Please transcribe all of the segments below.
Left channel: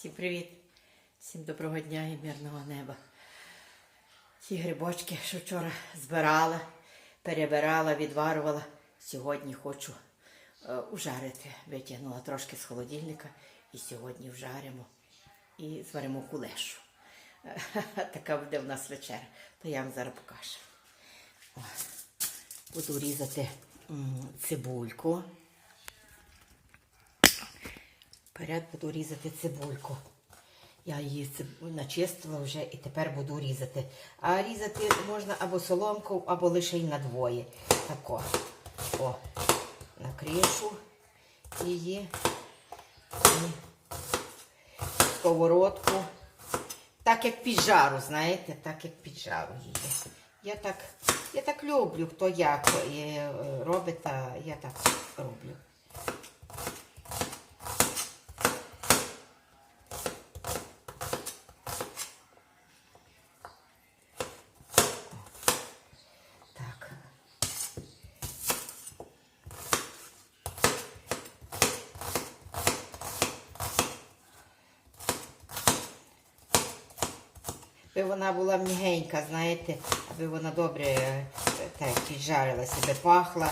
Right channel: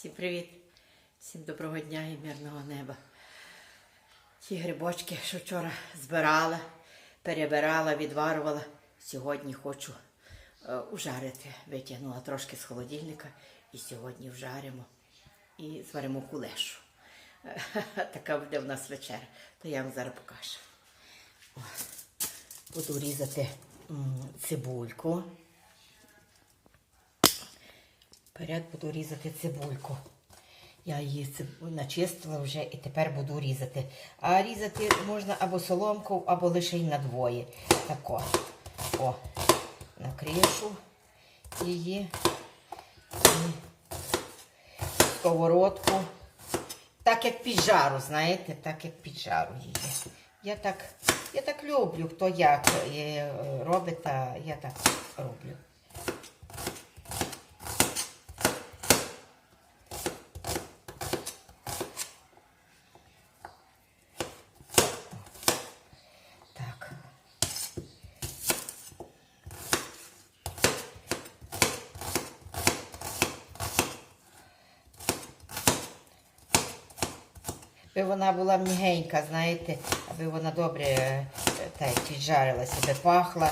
Всім привіт! Всім доброго дня і мирного неба. Ті грибочки, що вчора збирала, перебирала, відварувала. Сьогодні хочу е, ужарити. Витягнула трошки з холодильника і сьогодні вжаримо і зваримо кулешу. Така буде в нас вечеря. То я вам зараз покажу. Буду різати цибульку. Вперед буду різати цибульку. Я її начистила вже і тепер буду різати. А різати можна або соломкою, або лише й на двоє. Тако. О, накришу її. Сковородку. Так як під жару, знаєте, так як під жару її. Я так, я так люблю, хто як е, робить, а я так роблю. Аби вона була м'ягенька, знаєте, аби вона добре е, так піджарилася, аби пахла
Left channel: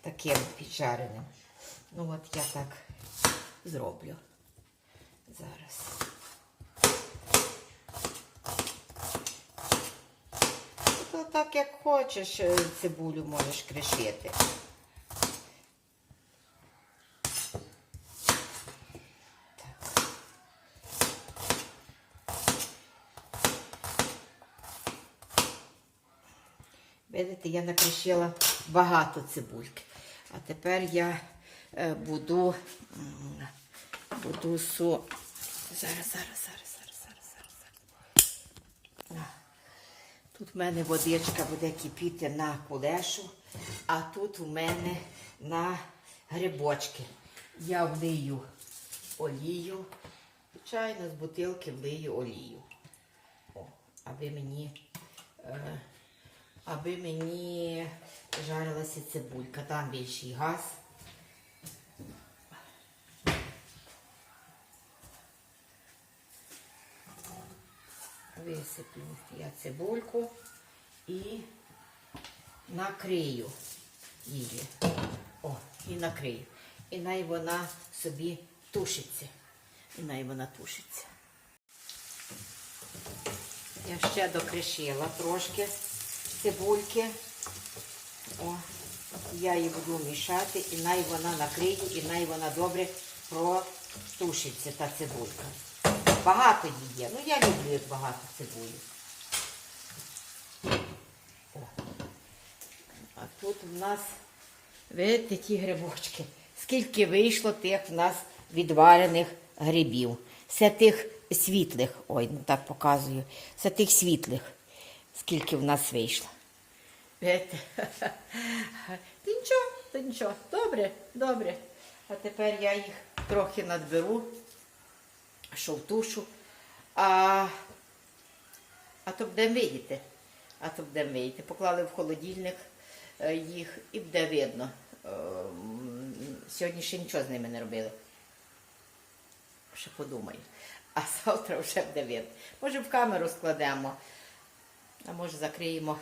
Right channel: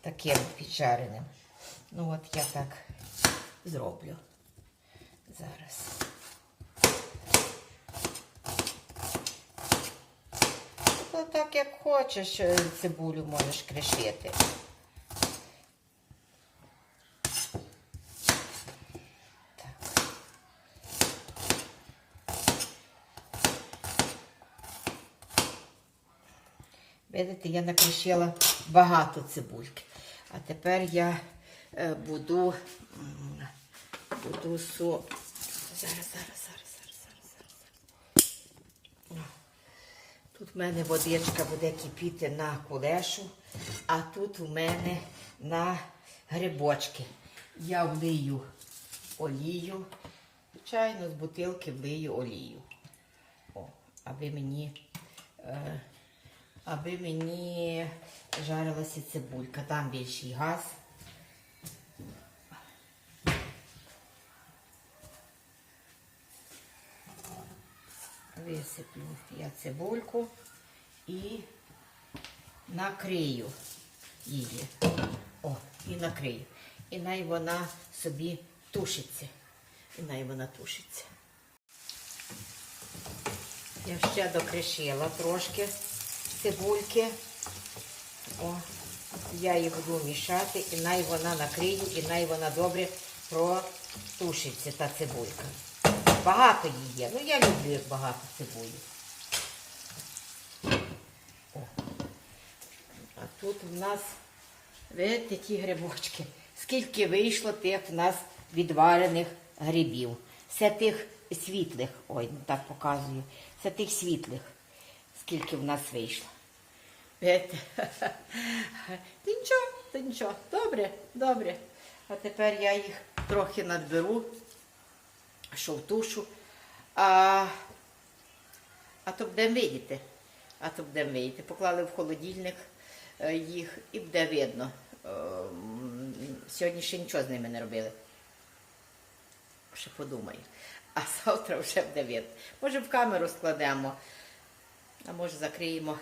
таким піджареним. Ну от я так зроблю зараз. То так як хочеш, е, цибулю можеш кришити. Видите, я накришила багато цибульки. А тепер я е, буду, буду су. Зараз, зараз, зараз, зараз, зараз, зараз. Тут в мене водичка буде кипіти на кулешу, а тут у мене на грибочки. Я влию олію. Звичайно, з бутилки влию олію. О, аби мені. Е, аби мені жарилася цибулька. Там більший газ. Висиплю я цибульку і накрию її. О, і накрию. І най вона собі тушиться. І най вона тушиться. Я ще докришила трошки цибульки. О, я її буду мішати, і най вона накриє, і най вона добре протушиться, та цибулька. Багато її є. Ну, я люблю як багато цибулі. А тут в нас, видите, ті грибочки. Скільки вийшло тих в нас відварених грибів. Це тих світлих, ой, ну так показую. Це тих світлих, скільки в нас вийшло. Видите? Та нічого, та нічого. Добре, добре. А тепер я їх трохи надберу, що в тушу. А, а то будемо видіти. А то будемо видіти. Поклали в холодильник е, їх і буде видно. Е, Сьогодні ще нічого з ними не робили. Ще подумаю. А завтра вже буде видно. Може в камеру складемо, а може закриємо.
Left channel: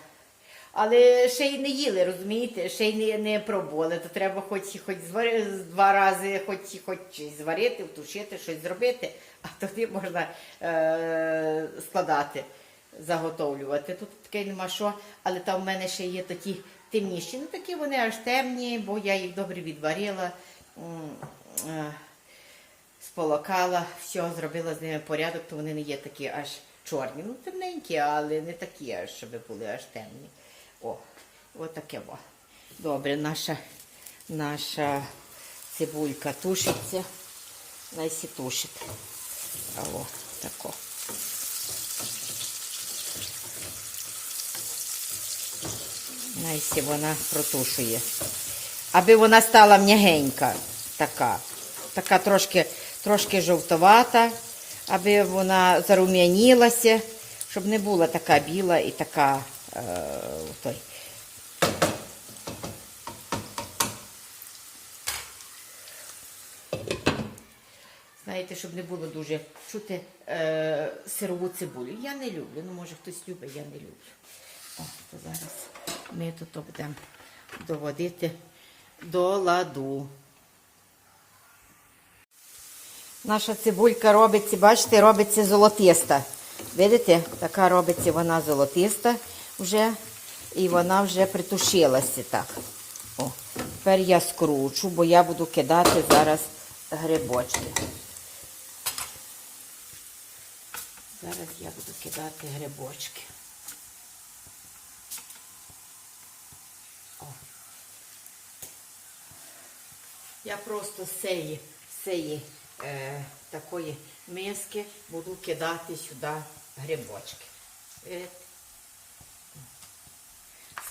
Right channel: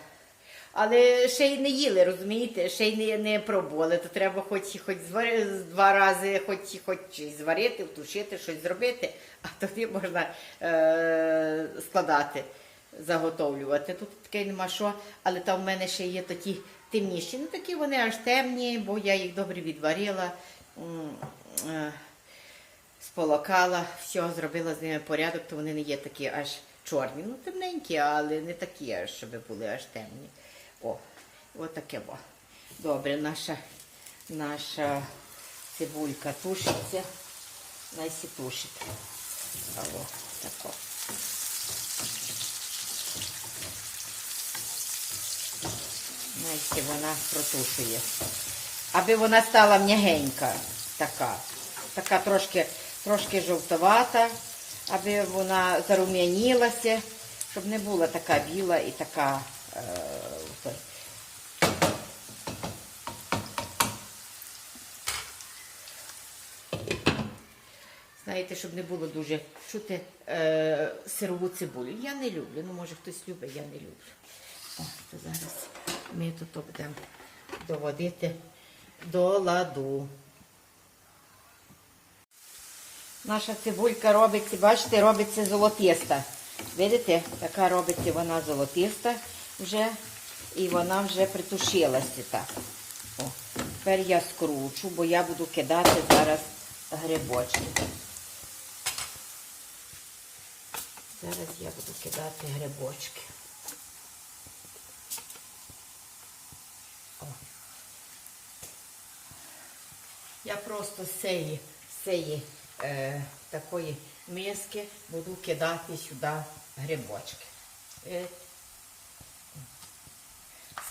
Але ще й не їли, розумієте? Ще й не, не пробували. То треба хоч, хоч звари, два рази, хоч, хоч зварити, втушити, щось зробити, а тоді можна е, складати, заготовлювати. Тут таке нема що, але там в мене ще є такі темніші. Ну такі вони аж темні, бо я їх добре відварила. е, сполокала, все, зробила з ними порядок, то вони не є такі аж чорні. Ну, темненькі, але не такі, аж, щоб були аж темні. О, от таке во. Добре, наша, наша цибулька тушиться. Найсі тушить. О, тако. Найсі вона протушує. Аби вона стала м'ягенька така. Така трошки, трошки жовтовата, аби вона зарум'янілася, щоб не була така біла і така. Е, той. знаєте, щоб не було дуже чути е, сирову цибулю. Я не люблю. Ну, може хтось любить, я не люблю. О, то зараз ми тут будемо доводити до ладу. Наша цибулька робиться, бачите, робиться золотиста. Видите, така робиться вона золотиста вже. І вона вже притушилася так. О, тепер я скручу, бо я буду кидати зараз грибочки. Зараз я буду кидати грибочки. О. Я просто з цієї, цієї е, такої миски буду кидати сюди грибочки.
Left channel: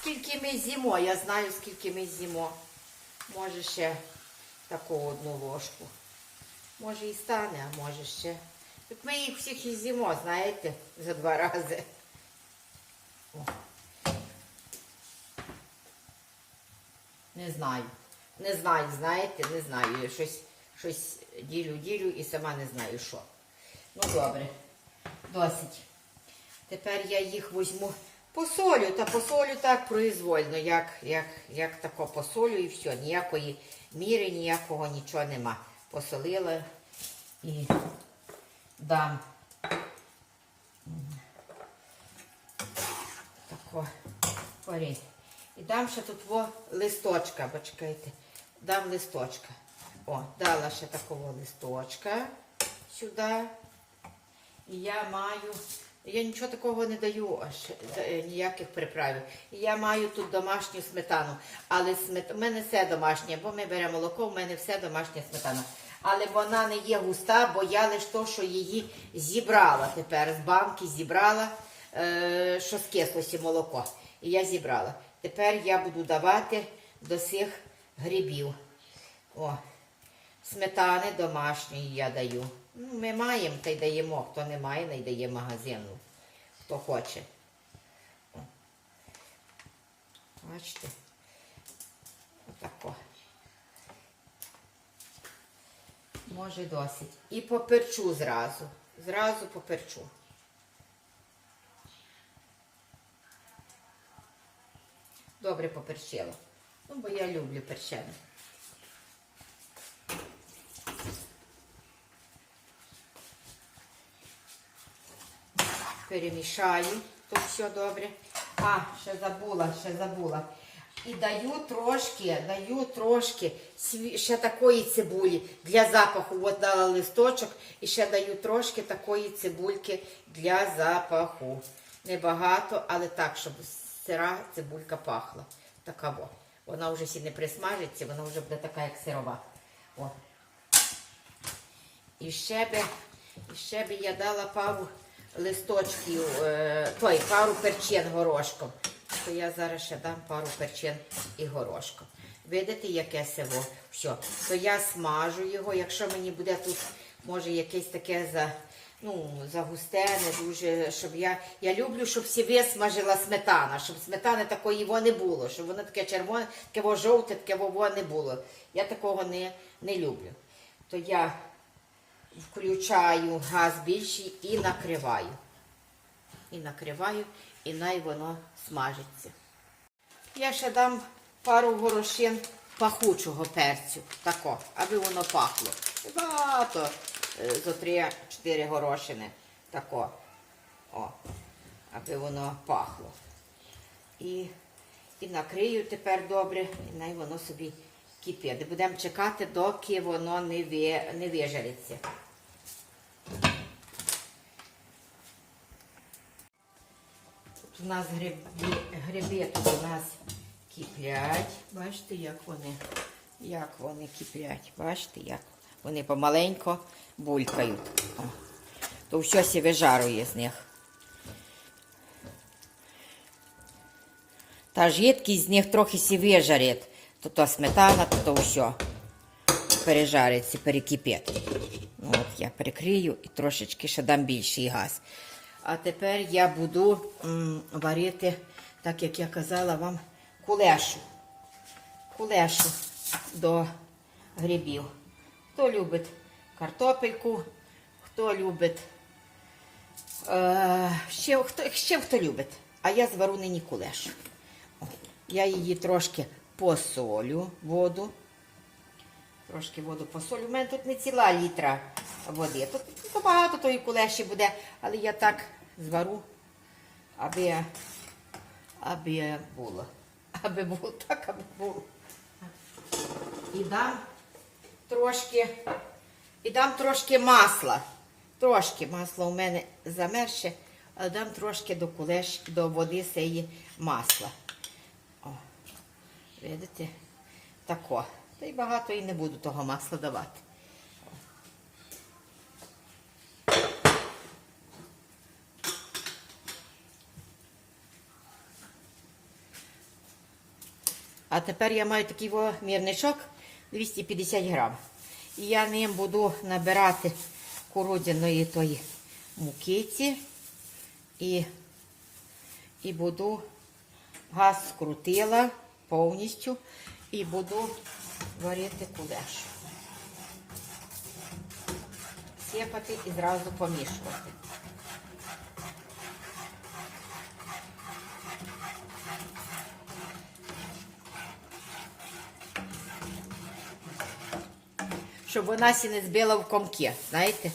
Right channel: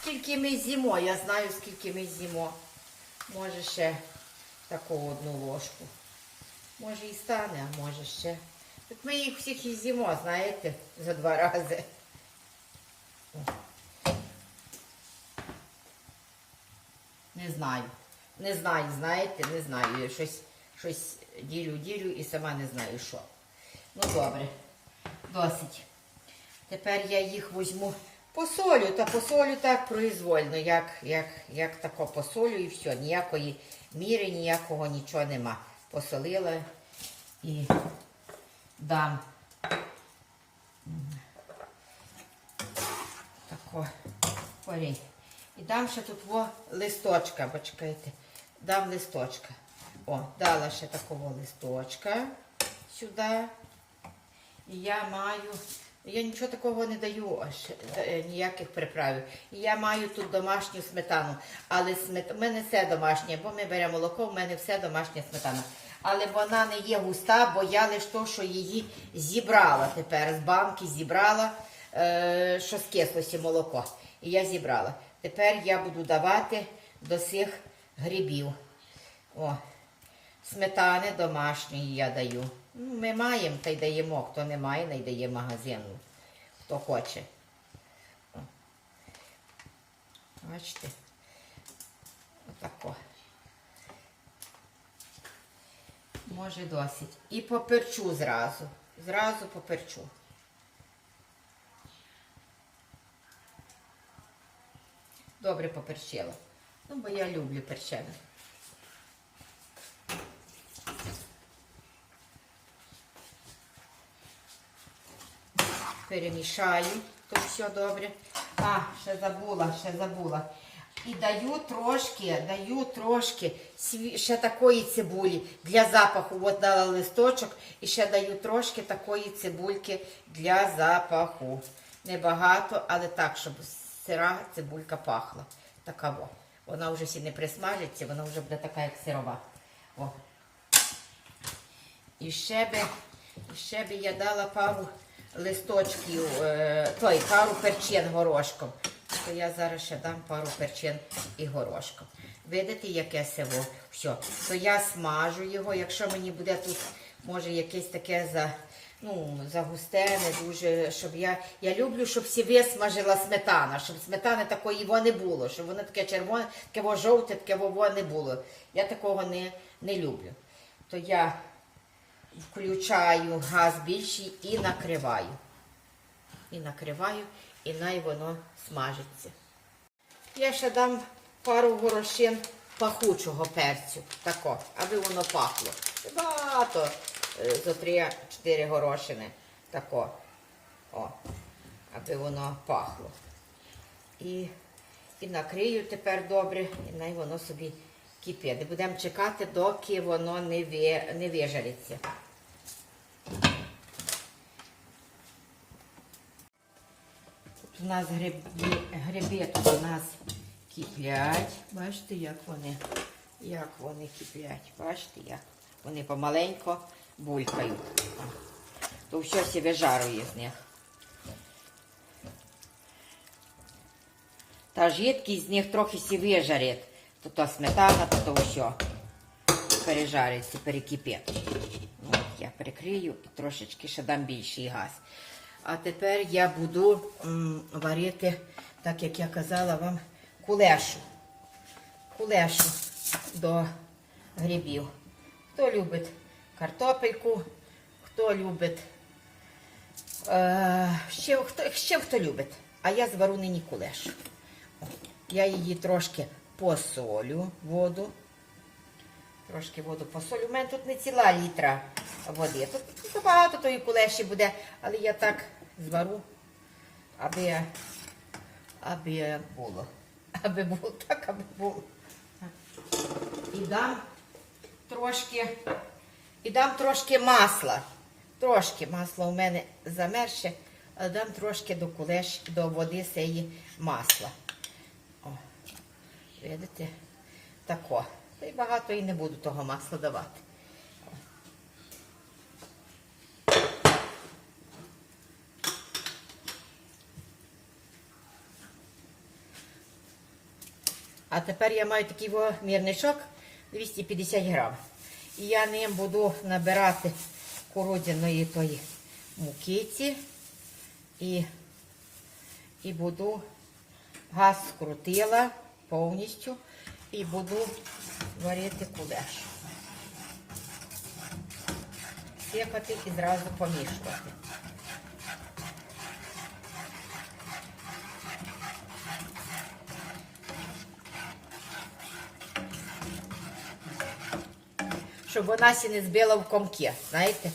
Скільки ми з'їмо, я знаю, скільки ми з'їмо. Може ще таку одну ложку. Може і стане, а може ще. Тут ми їх всіх і з'їмо, знаєте, за два рази. Не знаю. Не знаю, знаєте, не знаю. Я щось, щось ділю, ділю і сама не знаю що. Ну добре, досить. Тепер я їх візьму посолю, та посолю так произвольно, як, як, як тако посолю і все. Ніякої міри, ніякого нічого нема. Посолила і дам. Тако корінь. І дам ще тут во листочка, почекайте. Дам листочка. О, дала ще такого листочка сюди. І я маю. Я нічого такого не даю, аж е, ніяких приправів. Я маю тут домашню сметану. Але смет... в мене все домашнє, бо ми беремо молоко, в мене все домашня сметана. Але вона не є густа, бо я лише то, що її зібрала тепер. З банки зібрала, е, що скислося молоко. І я зібрала. Тепер я буду давати до цих грибів. О, сметани домашньої я даю. Ну, ми маємо та й даємо. Хто не має, не дає магазину. Хто хоче. Бачите? Отако. Може досить. І поперчу зразу. Зразу поперчу. Добре поперчила. Ну, бо я люблю перчене. Перемішаю, то все добре. А, ще забула, ще забула. І даю трошки, даю трошки ще такої цибулі для запаху. От дала листочок і ще даю трошки такої цибульки для запаху. Небагато, але так, щоб сира цибулька пахла. Така во. Вона вже сі не присмажиться, вона вже буде така, як сирова. О. І ще би, ще би я дала пару листочків, е, той, пару перчин горошком. То я зараз ще дам пару перчин і горошком. Видите, яке село? Все. То я смажу його, якщо мені буде тут, може, якесь таке за, ну, загустене, дуже, щоб я. Я люблю, щоб всі висмажила сметана, щоб сметани такої не було, щоб воно таке червоне, таке жовте, таке во не було. Я такого не, не люблю. То я включаю газ більший і накриваю. І накриваю, і най воно смажиться. Я ще дам пару горошин пахучого перцю, тако, аби воно пахло. Багато е, зо 3-4 горошини. Тако. О, аби воно пахло. І, і накрию тепер добре, і най воно собі кипить. Будемо чекати, доки воно не, ви, не вижариться. У нас гриби, тут у нас киплять. Бачите, як вони, як вони киплять. Бачите, як вони помаленько булькають. То все сі вижарує з них. Та жидкість з них трохи сі вижарить. То то сметана, то то все пережариться, перекипить. От я прикрию і трошечки ще дам більший газ. А тепер я буду варити, так як я казала вам, кулешу. Кулешу до грибів. Хто любить картопельку, хто любить. Е, ще, хто, ще хто любить. А я звару нині кулеш. Я її трошки посолю воду. Трошки воду посолю. У мене тут не ціла літра води. Тут, тут багато тої кулеші буде, але я так звару, аби, аби було. Аби було так, аби було. І дам трошки, і дам трошки масла. Трошки масло у мене замерше, але дам трошки до кулеш, до води сеї масла. О, видите? Тако. Та й багато і не буду того масла давати. А тепер я маю такий мірничок 250 грам. І я ним буду набирати кукурудзяної тої мукиці і, і буду газ скрутила повністю і буду варити кулеш. Сипати і зразу помішувати. Щоб вона сі не збила в комки, знаєте?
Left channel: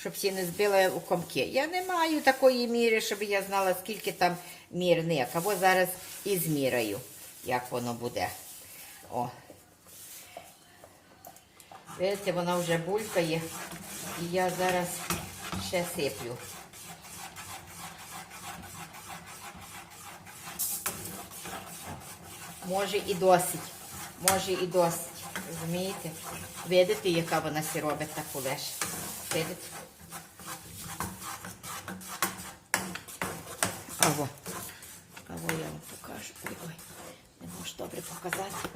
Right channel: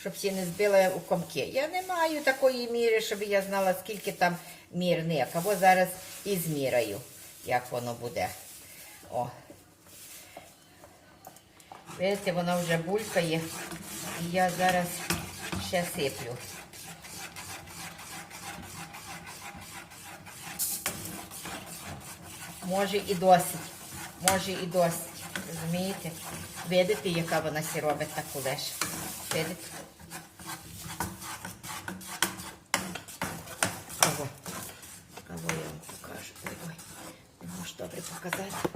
Щоб сі не збила в комки. Я не маю такої міри, щоб я знала, скільки там мірник. Або зараз і зміряю, як воно буде. О. Видите, вона вже булькає. І я зараз ще сиплю. Може і досить. Може і досить. Розумієте? Видите, яка вона сі робить та кулеш? Видите? Ого. Ого, я вам покажу. Ой, ой. Не можу добре показати.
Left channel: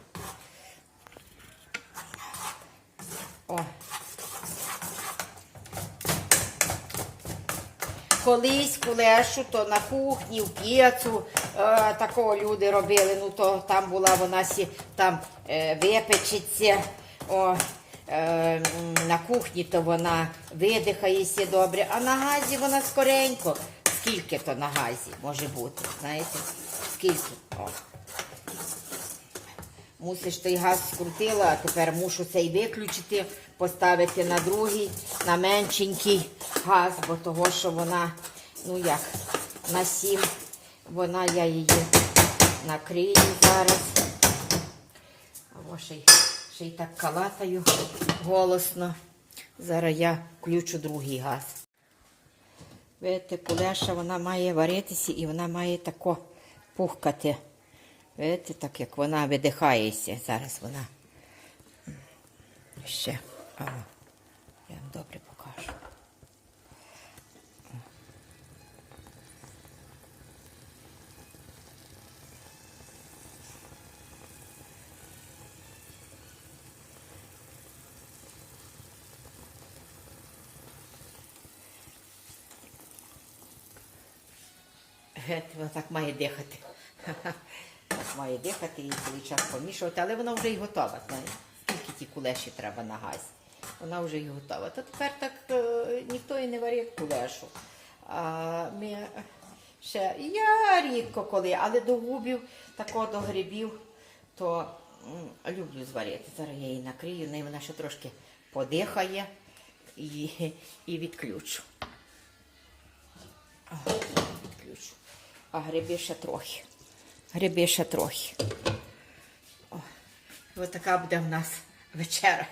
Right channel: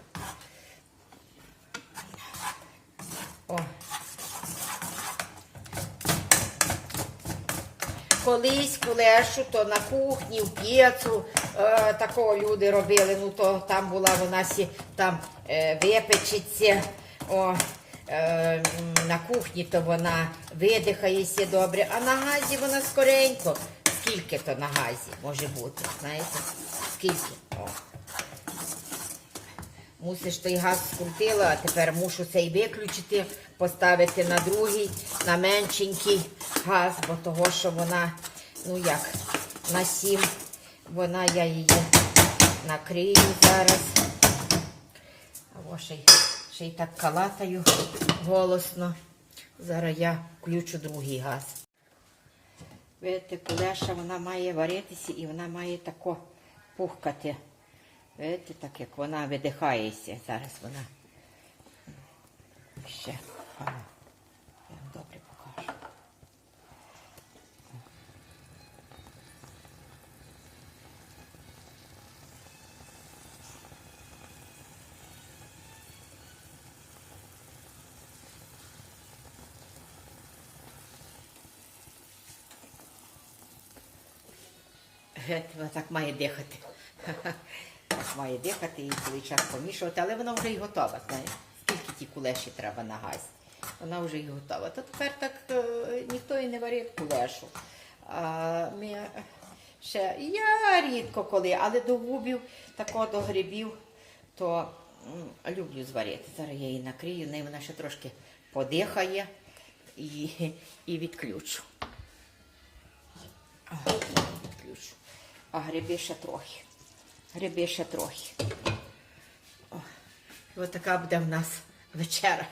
О. Колись кулешу, то на кухні, в п'єцу, е, такого люди робили, ну то там була вона сі, там випечеться, о, е, на кухні то вона видихається добре, а на газі вона скоренько. Скільки то на газі може бути, знаєте? Скільки? О. Мусиш той газ скрутила, а тепер мушу цей виключити, поставити на другий, на меншенький газ, бо того, що вона, ну як, на сім, вона я її накрию зараз. Ще й, ще й так калатаю голосно. Зараз я включу другий газ. Видите, кулеша вона має варитися і вона має тако пухкати. Видите, так як вона видихається. Зараз вона ще. О, я вам добре покажу. Геть, вона так має дихати. Має дихати і цілий час помішувати, але вона вже й готова. Знаєте, скільки ті кулеші треба на газі. Вона вже й готова. То тепер так е, ніхто і не варив кулешу. Ми ще, я рідко коли, але до губів, тако до грибів, то люблю зварити. Зараз я її накрию, неї вона ще трошки подихає і, і відключу. А гриби ще трохи. Гриби ще трохи. О, ось така буде в нас вечера.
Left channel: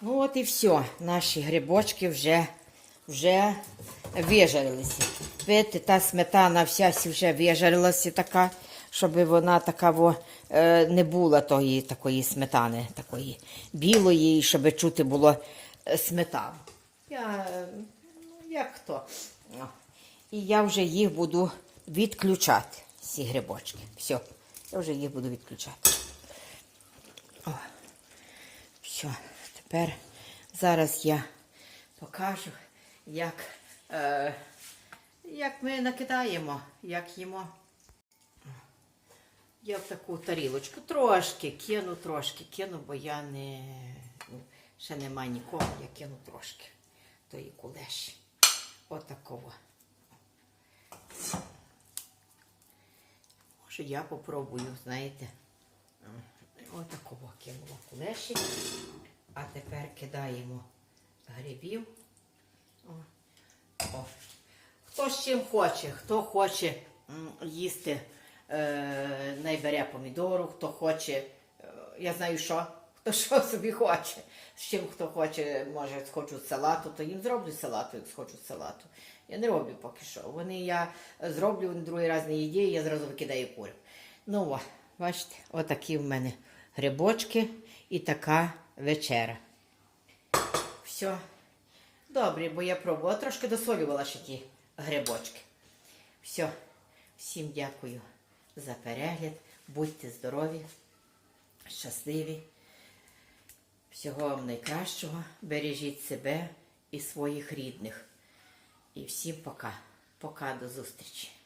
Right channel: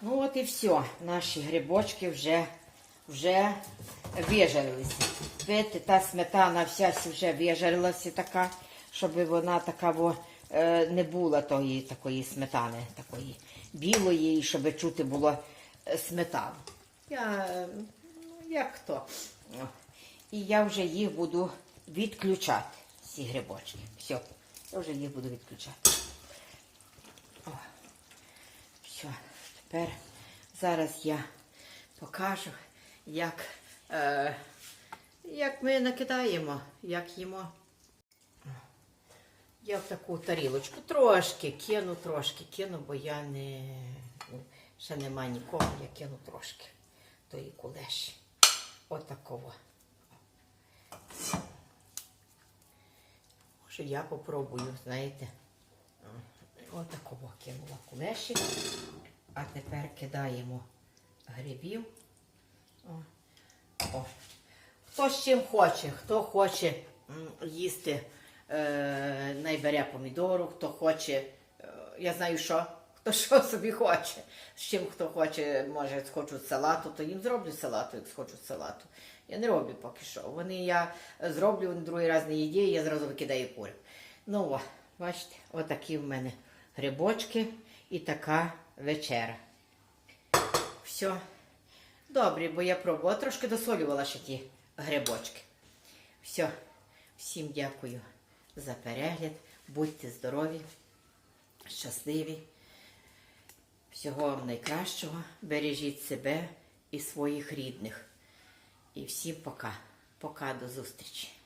Ну от і все. Наші грибочки вже, вже вижарилися. Видите, та сметана вся вже вижарилася така, щоб вона така во, е, не була тої такої сметани, такої білої, і щоб чути було е, сметану. Я, ну, як хто. І я вже їх буду відключати, ці грибочки. Все, я вже їх буду відключати. О. Все, тепер зараз я покажу, як, е, як ми накидаємо, як їмо. Я в таку тарілочку трошки кину, трошки кину, бо я не. Ще нема нікого, я кину трошки тої кулеші. Отакого. Може, я попробую, знаєте. Отакого кинула кулеші. А тепер кидаємо грибів. О. О. Хто з чим хоче, хто хоче їсти, е, найбере помідору, хто хоче, е, я знаю що, хто що собі хоче. З чим хто хоче, може, хочуть салату, то їм зроблю салату, як хочуть салату. Я не роблю поки що. Вони я зроблю, вони другий раз не їдять, я зразу викидаю курю. Ну, о, бачите, отакі в мене грибочки і така вечера. Все. Добре, бо я пробувала. Трошки досолювала ще ті грибочки. Все. Всім дякую за перегляд. Будьте здорові, щасливі. Всього вам найкращого. Бережіть себе і своїх рідних. І всім пока. Пока до зустрічі.